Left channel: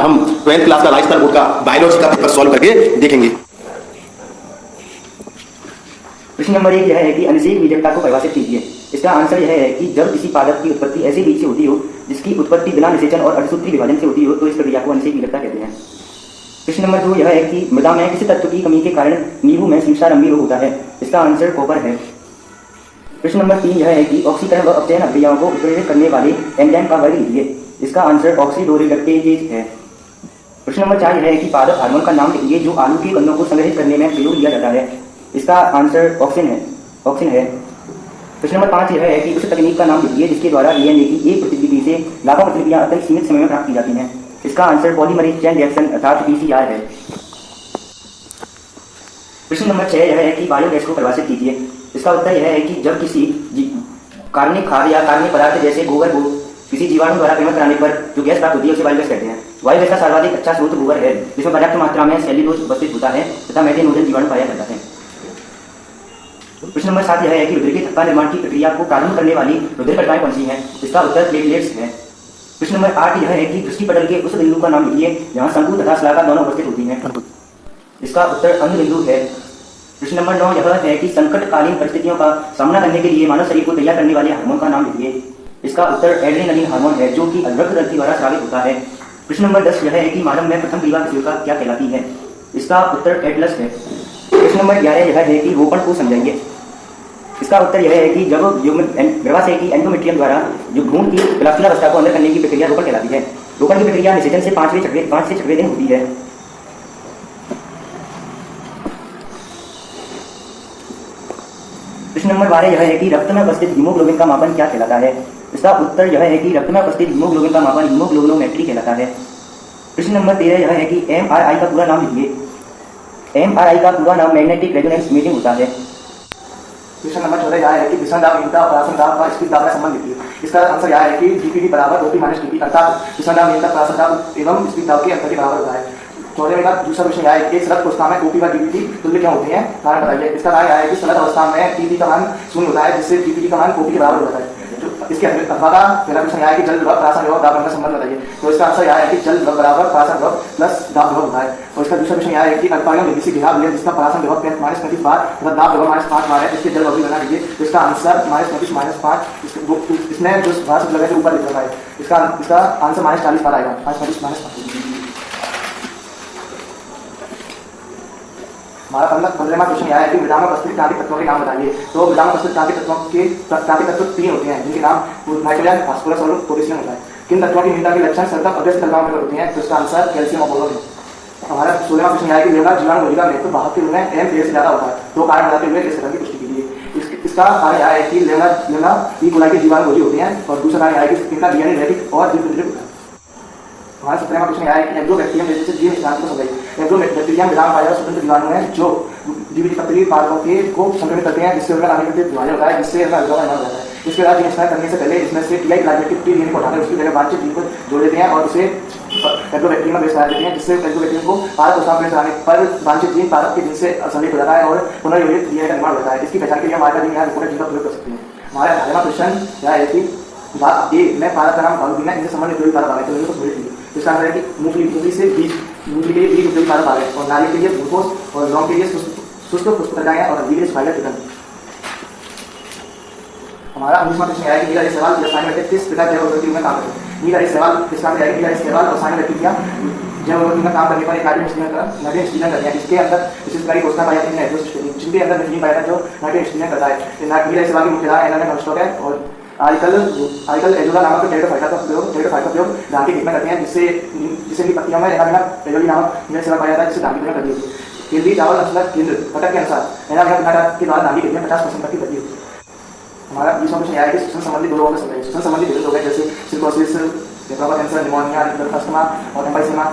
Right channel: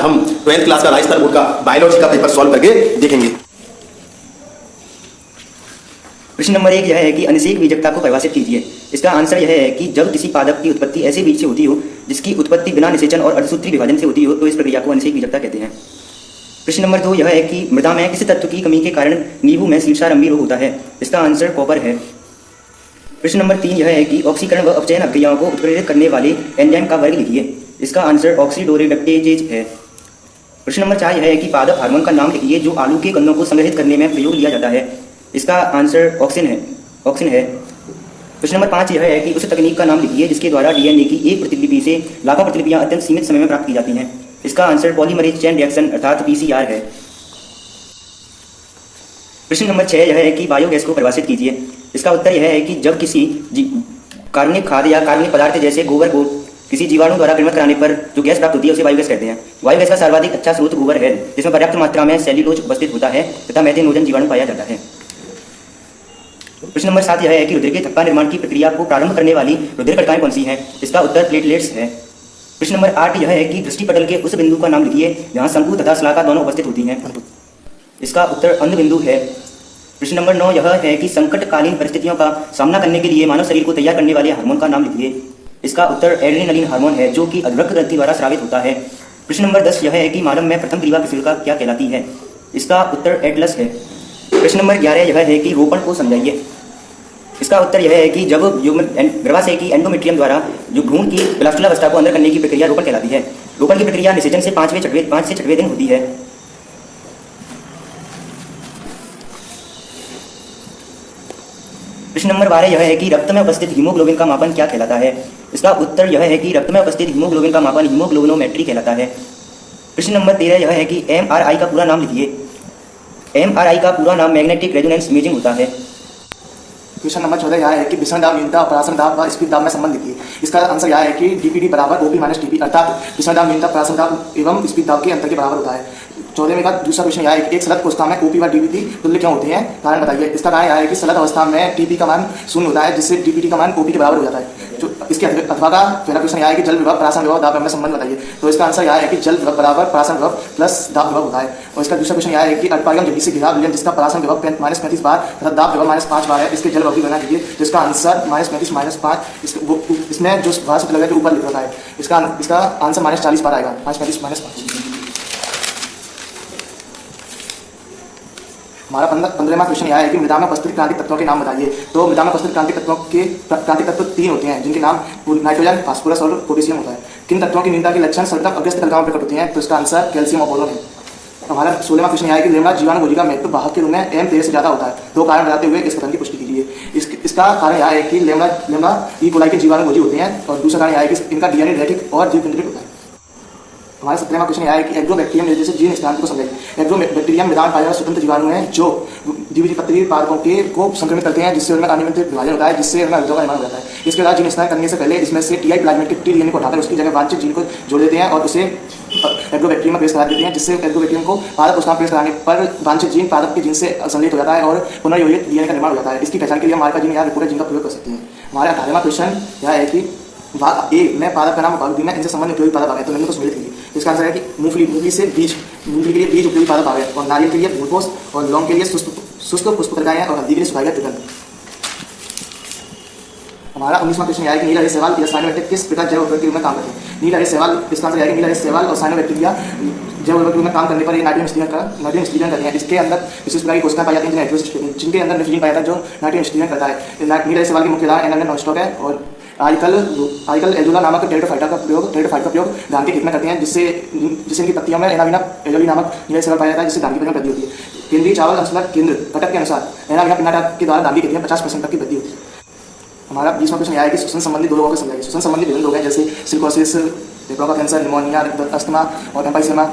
आज हम 12th class का राजस्थान बोर्ड का बायोलॉजी का पेपर सॉल्व करके देखेंगे। प्रश्न नंबर 1 यह है कि अनिषेक बीजकता को परिभाषित कीजिए। इसका आंसर यह है कि जब किसी पादप की उत्पत्ति ऐसे बीज से होती हो जिसकी उत्पत्ति बिना निषेचन और अर्धसूत्री विभाजन से होती हो तो इस प्रक्रिया को अनिषेक बीजकता कहते हैं। प्रश्न नंबर 2 यह है कि मृदा में किसी तत्व की कमी के कारण नींबू में शीर्षारंभी रोग होता है। इसका आंसर कॉपर है। प्रश्न नंबर 3 यह है कि ऑक्सीकरण व अपचयन अभिक्रियाओं को उत्प्रेरित करने वाले एंजाइम का वर्ग लिखिए। इसका आंसर ऑक्सीडोरेडक्टेजेज है। प्रश्न नंबर 4 यह है कि पादप हार्मोन का नाम लिखिए जो आलू के कंदों को संग्रहित करने में प्रयोग लिया जाता है। इसका आंसर ऑक्सिन है। प्रश्न नंबर 5 यह है कि उस तकनीक का नाम लिखिए जिसके द्वारा डीएनए की एक प्रतिलिपि से लाखों प्रतिलिपियां अत्यंत सीमित समय में प्राप्त की जाती हैं। इसका आंसर पॉलीमरेज चेन रिएक्शन अर्थात पीसीआर है। प्रश्न नंबर 6 यह है कि बायोगैस को परिभाषित कीजिए। इसका उत्तर यह है कि जब किसी कार्बनिक खाद या कार्बनिक पदार्थ जैसे गोबर को किसी जीवाणु द्वारा परिणत कराने पर जो गैस प्राप्त होती है उसे बायोगैस कहते हैं। बायोगैस का सर्वाधिक अच्छा स्रोत गोबर है जिसमें पर्याप्त मात्रा में सेल्यूलोज उपस्थित होता है तथा मेथेनोजन जीवाणु पाया जाता है। प्रश्न नंबर 7 यह है कि रुधिर के थक्का निर्माण की प्रक्रिया को प्रारंभ करने वाली रुधिर कणिकाएं कौन सी हैं। इसका उत्तर प्लेटलेट्स है। प्रश्न नंबर 8 यह है कि दृष्टिपटल के उस बिंदु का नाम लिखिए जहां शंकु तथा शलाका दोनों उपस्थित होती हैं। इसका उत्तर अंध बिंदु है। प्रश्न नंबर 9 यह है कि संकटकालीन परिस्थितियों का सामना करने के लिए मानव शरीर को तैयार करने वाले हार्मोन का नाम लिखिए। इसका उत्तर एड्रेनलिन हार्मोन है जो कि रक्त ग्रंथि द्वारा स्रावित होता है। प्रश्न नंबर 10 यह है कि मानव में प्रथम ग्रीवा कोशिका क्या कहलाती है। इसका उत्तर एटलस है। प्रश्न नंबर 11 यह है कि रोपण को समझाइए। इसका उत्तर यह है कि जब गर्भाशय की एंडोमेट्रियम द्वारा जो भ्रूण की ब्लास्टुलावस्था को अंदर करने की प्रक्रिया रोपण कहलाती है। रोपण की प्रक्रिया निषेचन से 5 से 6वें दिन होती है। प्रश्न नंबर 12 यह है कि रक्त में उपस्थित हीमोग्लोबिन का मापन क्या कहलाता है। इसका उत्तर यह है कि रक्त में उपस्थित हीमोग्लोबिन का मापन हीमोग्लोबिनोमेट्री कहलाता है। प्रश्न नंबर 13 यह है कि एमआरआई का पूरा नाम लिखिए। एमआरआई का पूरा नाम मैग्नेटिक रेजोनेंस इमेजिंग होता है। क्वेश्चन नंबर 14 यह है कि विषम दाब न्यूनता परासम दाब का स्पीड दाब में संबंध लिखिए। इसका आंसर यह है कि डीपीडी बराबर ओपी माइनस टीपी अर्थात विषम दाब न्यूनता परासम दाब एवं स्पीड दाब के अंतर के बराबर होता है। 14वें का दूसरा क्वेश्चन यह है कि एक सलग कोशिका में ओपी व डीपीटी तुल्य क्यों होते हैं, कारण बताइए। इसका कारण यह है कि सलग अवस्था में टीपी का मान 0 होता है जिससे डीपीटी का मान ओपी के बराबर हो जाता है। इसके अथवा का पहला क्वेश्चन यह है कि जल विभव परासम विभव दाब में संबंध बताइए। तो इसका आंसर यह है कि जल विभव बराबर परासम विभव प्लस दाब विभव होता है। और इसका दूसरा क्वेश्चन यह है कि अल्पागम जल्दी से घिरा विलयन जिसका परासम विभव -35 बार तथा दाब विभव -5 बार है, इसके जल विभव की गणना कीजिए। तो इसका आंसर -35 -5 इसमें जो भाषा लगा है ऊपर लिख रखा है इसका आंसर -40 बार आएगा। 35 -5 हमारा 15वां क्वेश्चन यह है कि मृदा में उपस्थित क्रांतिक तत्वों के नाम बताइए। तो मृदा में उपस्थित क्रांतिक तत्व 3 होते हैं जिनके नाम नाइट्रोजन, फास्फोरस और पोटेशियम होता है। किन तत्वों की न्यूनता के लक्षण सतत अग्रस्त कणिकाओं में प्रकट होते हैं। तो इसका आंसर कैल्शियम और बोरोन है। हमारा 16वां क्वेश्चन यह है कि लेमड़ा जीवाणु भोजिका महत्व वाहक के रूप में एम 13 से ज्यादा होता है। 2 कारण बताते हुए इस कथन की पुष्टि कीजिए। इसका कारण यह है कि लेमड़ा ई कोलाई के जीवाणु भोजी होते हैं और दूसरा कारण यह है कि इनका डीएनए रैखिक और जीव केंद्रित होता है। हमारा 17वां क्वेश्चन यह है कि एग्रोबैक्टीरियम जैसे जीव स्थिरांक को समझाइए। एग्रोबैक्टीरियम मृदा में पाए जाने स्वतंत्र जीवाणु हैं जो द्विबीजपत्री पादपों को संक्रमित करते हैं जिससे उनका अनियमित विभाजन होता है जिससे उनका निर्माण हो जाता है। इसके बाद जीन स्नान करने से पहले इसमें से टीआई प्लाज्मिड के टी डीएनए को हटाकर उसकी जगह वांछित जीन को जोड़ देते हैं और उसे एग्रोबैक्टीरियम में प्रेस करा देते हैं जिससे एग्रोबैक्टीरियम को पादप कोशिका प्रेस कराने पर वांछित जीन पादप के जीन से संलग्न हो जाता है और पुनर्योजित डीएनए का निर्माण हो जाता है। इसकी पहचान के लिए हमारे जीन या रिपोर्टर जीन का प्रयोग कर सकते हैं। हमारा 18वां क्वेश्चन यह है कि ए में पादप का नाम बालुदीन है, इनसे संबंधित उपयोगी पादप आ गए तो इनको सम्मिलित कीजिए। इसका आंसर है कि मूंगफली से बीज, मूंगफली के लिए बीज उपयोगी पादप आ गए और नारियल के लिए ग्लूकोज और लौंग के लिए शुष्क पुष्पत्रकाएं और हल्दी के लिए सुखाया तुरंत। हमारा 19वां क्वेश्चन यह है कि नीला सवाल रासायनिक किस प्रकार जैव ऊर्जा में काम करते हैं। नीला सवाल इसका आंसर है कि नीला सवाल रासायनिक बैक्टीरिया जैव ऊर्जा में काम करने पर नाइट्रोजन स्थिरीकरण करते हैं। इसके अंदर विशेष प्रकार की कोशिका पाई जाती है जिनके अंदर नाइट्रोजन पाया जाता है जो नाइट्रोजन स्थिरीकरण करता है। नीला सवाल की मुख्य उदाहरण एनामिक नॉनस्टॉप है और आजकल एजोला नामक टेरिडोफाइटा का प्रयोग धान के खेत में करते हैं जिससे इनकी पत्तियों में एनाविना एजोली नामक नीला सवाल पाया जाता है जिससे धान की वृद्धि होती है। केंद्रीय चावल अनुसंधान केंद्र कटक के अनुसार एनाविना कर्नाटक के द्वारा धान की खेती में 50% तक की वृद्धि होती है। हमारा 20वां क्वेश्चन यह है कि श्वसन संबंधी दो रोगों का समझाइए। श्वसन संबंधी विभिन्न रोग हैं जैसे सिलिकोसिस, लेप्रोमा कैंसर, निमोनिया, अस्थमा और एम्फाइसेमा।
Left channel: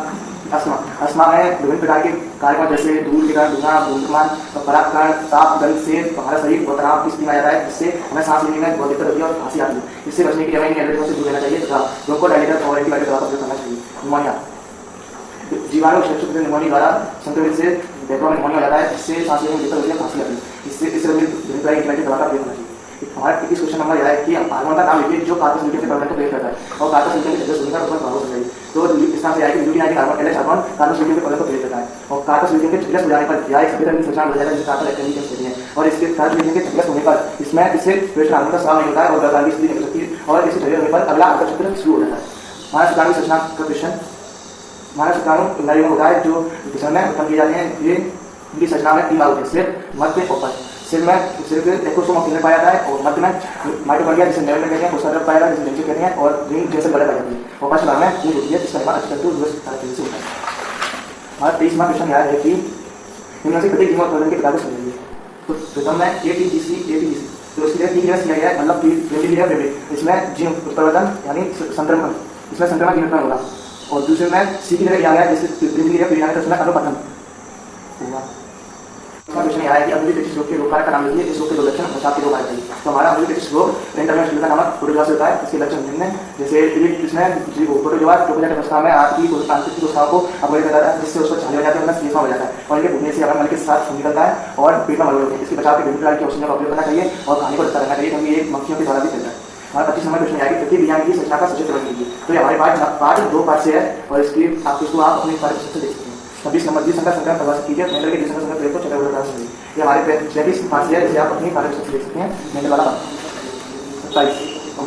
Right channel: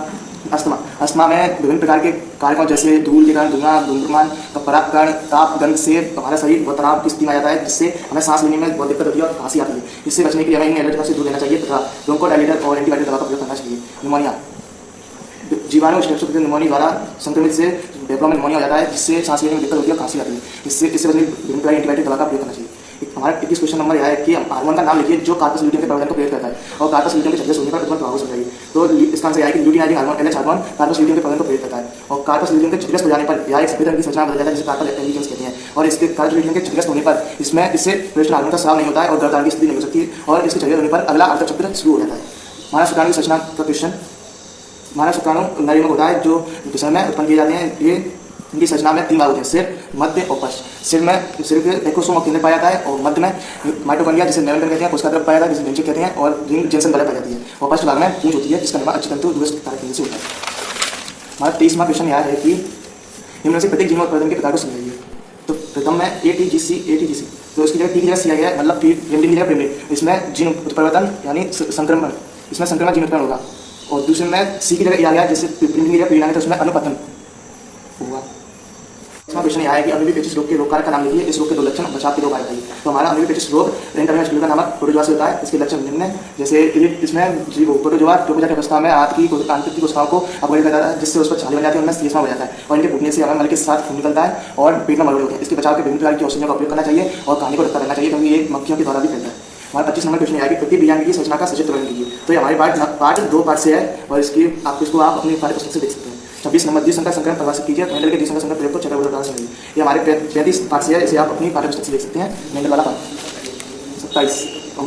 अस्थमा में विभिन्न प्रकार के कारकों जैसे धूल के कारण धुआं, धूम्रपान, परागकण, ताप, गंध से हमारा शरीर तनाव की स्थिति में आ जाता है जिससे हमें सांस लेने में बहुत दिक्कत होती है और खांसी आती है। इससे बचने के लिए हमें एलर्जी से दूर रहना चाहिए तथा ब्रोंकोडायलेटर और एंटीबायोटिक दवा का प्रयोग करना चाहिए। निमोनिया जीवाणु निमोनिया द्वारा संक्रमित से फेफड़ों में निमोनिया हो जाता है जिससे सांस लेने में दिक्कत होती है, खांसी आती है। इससे विभिन्न प्रकार की एंटीबायोटिक दवा का प्रयोग करना चाहिए। हमारा 21 क्वेश्चन नंबर यह है कि हार्मोन का नाम लिखिए जो कार्पस ल्यूटियम के प्रवर्धन को प्रेरित करता है और कार्पस ल्यूटियम के जगह होने पर उत्पन्न प्रभाव समझाइए। तो इसका आंसर यह है कि luteinising hormone LH hormone corpus luteum के प्रवर्धन को प्रेरित करता है और कार्पस ल्यूटियम के छिद्रग्रस्त हो जाने पर यह एक सफेद रंग की संरचना बदल जाता है जिसे कार्पल एल्केन्स कहते हैं और इसके कार्पस ल्यूटियम के छिद्रग्रस्त होने पर इससे प्रेषण हार्मोन का स्राव नहीं होता है और गर्भ की स्थिति नहीं हो सकती और इसके चक्र होने पर अगला अंतःचक्र शुरू हो जाता है। हमारा शुक्राणु की संरचना का क्वेश्चन, हमारा शुक्राणु नलियों होता है जो दिशा में उत्पन्न किए जाते हैं। ये इनकी संरचना में 3 भाग होते हैं, सिर, मध्य और पश्च। सिर के एकोसोम केंद्र पाया जाता है और मध्य में माइटोकॉन्ड्रिया जिसे नेवल कहते हैं उसका द्रव पाया जाता है जिसे डेंड्रिट कहते हैं और रिंग जैसे बड़े पाई जाती है और पश्च भाग में पूंछ होती है जिसका निर्माण अक्षतंतु दिवस केंद्र से होता है। हमारा 23वां क्वेश्चन यह है कि इनमें से प्रत्येक जीन और उत्पादन के प्रकार को समझिए। तो प्रथम में ATGC तो उसकी जगह T की जगह C आ गया मतलब प्रिमिडिन की जगह प्रिमिडिन, इसमें जीन उत्परिवर्तन यानी संक्रमण, इसमें संक्रमण जीन उत्पन्न होगा और दूसरे में C की जगह A आ गया जैसे प्रिमिडिन की जगह प्रिमिडिन है तो उसमें अनुपतन होगा। क्वेश्चन यह है कि अम्लीपेचिस रोग के रोग कारक का नाम लिखिए। इस रोग के 2 लक्षण बचाव के 2 कारक है। तो हमारा अम्लीपेचिस रोग रेंटरमेंट का नामक प्रोटोजोआ से होता है। इसके लक्षण निम्न है जैसे इसमें प्रोटोजोआ ट्रोपोजा की अवस्था में आंतरिक कोशिकाओं को अपघटित करता है जिससे उस पर छाले हो जाते हैं, उनमें सीसमा हो जाता है और इनके फूटने से हमारे मल के साथ खून निकलता है और पेट में मल होते हैं। इसके बचाव के विभिन्न प्रकार की औषधियों का उपयोग करना चाहिए और खाने को ढककर रहना चाहिए क्योंकि ये मक्खियों के द्वारा भी फैलता है। हमारा 25 नंबर क्वेश्चन है कि प्रति बीजांड की संरचना का सचित्र वर्णन कीजिए। तो ये हमारे पार्ट 2 पार्ट से है और इसको आप अपने पाठ्य पुस्तक से देख सकते हैं। 26 नंबर द्विसंकर संक्रमण परिभाषित कीजिए। मेंडल के द्विसंकर संक्रमण प्रयोग को चतुर्भुज उदाहरण समझिए। ये हमारे 35 पार्ट से है, इसे आप अपनी पाठ्य पुस्तक से देख सकते हैं। मेंडल वाला 27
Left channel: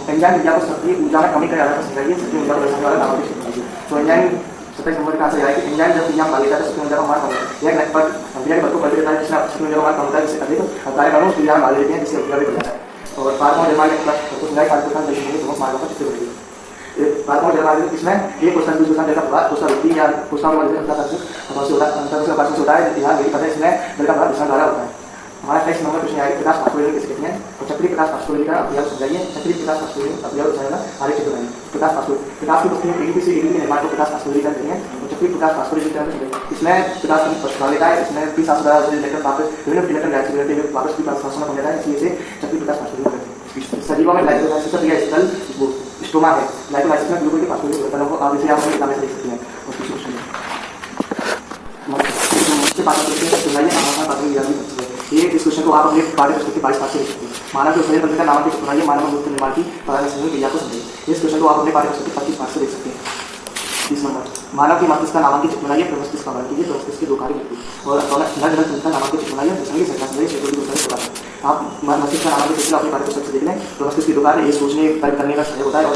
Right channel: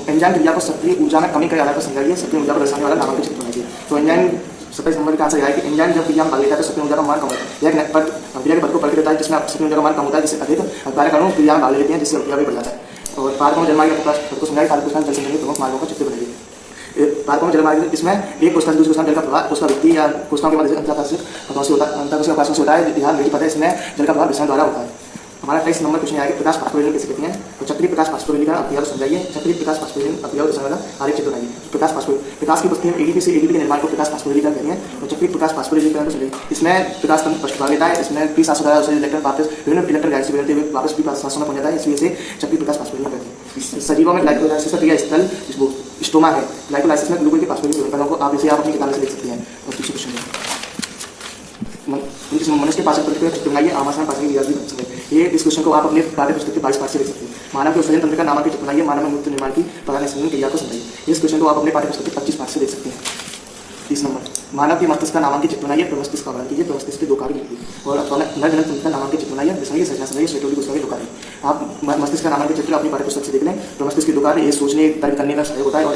एंजाइम क्रिया को सक्रिय ऊर्जा में कमी के आधार पर समझाइए। सक्रिय ऊर्जा को दर्शाने वाला नामक चित्र कीजिए। तो एंजाइम 27 नंबर का आंसर यह है कि एंजाइम जब क्रिया में भाग लेता है तो सक्रिय ऊर्जा का मान कम होता है। यह क्रिया के पद को पलट देता है जिसमें सक्रिय ऊर्जा का मान कम होता है जिससे अधिक कार्य अणु क्रिया में भाग लेते हैं जिससे क्रिया भी बढ़ जाता है। और पारकों जलवायु को समझाइए। पारकों जल संबंधी प्रमुख मार्गों का चित्र बनाइए। पारकों जलवायु इसमें एक कोष्ठा दूसरे कोष्ठा जल का प्रवाह कोष्ठा वृत्ति या कोष्ठा के मध्य अंतराल से होता है। बिहार मेरी पता है इसमें जल का प्रवाह विषम द्वारा होता है। हमारा 23 नंबर क्वेश्चन है कि प्रकाश फास्फोरिलेशन कैसे कहते हैं। तो चक्रीय प्रकाश फास्फोरिलेशन का अभियोग समझाइए। चक्रीय प्रकाश फास्फोरिलेशन अभियोग समझना आगे चित्र बनाइए। प्रकाश की वस्तुओं ADP से ADP के निर्माण को प्रकाश फास्फोरिलेशन कहते हैं। तो चक्रीय प्रकाश फास्फोरिलेशन को समझिए। इसमें प्रकाश फर्स्ट भाग लेता है, इसमें P700 द्वारा उसे इलेक्ट्रॉन वापस विभिन्न इलेक्ट्रॉन गैस से मिलते हुए वापस P700 में पहुंच जाता है, इसलिए इसे चक्रीय प्रकाश फास्फोरिलेशन कहते हैं। सजीवों में ग्लाइकोलाइसिस का क्रिया स्थल स्टोमा है। ग्लाइकोलाइसिस में ग्लूकोज के फास्फोरिलेशन उत्पन्न को आप इसे आप अपनी किताब से देख सकते हैं। और दूसरे क्वेश्चन मनुष्य के पास सुनाइए आमंत्रण पात्र की याद है। ये इस क्वेश्चन को आप अपने पाठ्य पुस्तक के 22 पाठ से देख सकते हैं। मानव के उत्सर्जन तंत्र का नामक सुनाइए। मानव मूत्र निर्माण की परागण संयोजन क्रिया को समझिए। इस क्वेश्चन को आप अपने पाठ्य पुस्तक के 25 पाठ से देख सकते हैं। 30 नंबर मानव के मस्तिष्क का नामांकित चित्र बनाइए। मस्तिष्क का वर्णन कीजिए। मस्तिष्क के 2 कार्य लिखिए और नर ग्रंथ का नामांकित चित्र बनाइए। जिसमें संरचना समझिए। शेड्यूल को होता है। आप मस्तिष्क का नामांकित चित्र अपनी पाठ्य पुस्तक से देख लें। तो मस्तिष्क के 2 कार्य ये सोचने तर्क करने का सहायक होता है और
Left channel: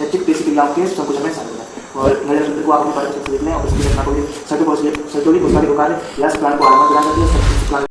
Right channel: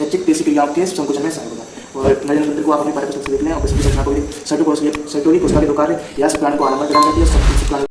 ऐच्छिक पेशी क्रियाओं के संकुचन में सहायक होता है। और नर ग्रंथ को आप अपनी पाठ्य पुस्तक से देख लें और इसकी रचना को सर्टोरी कोशिका के 2 कार्य या शुक्राणु को आरंभ करती है।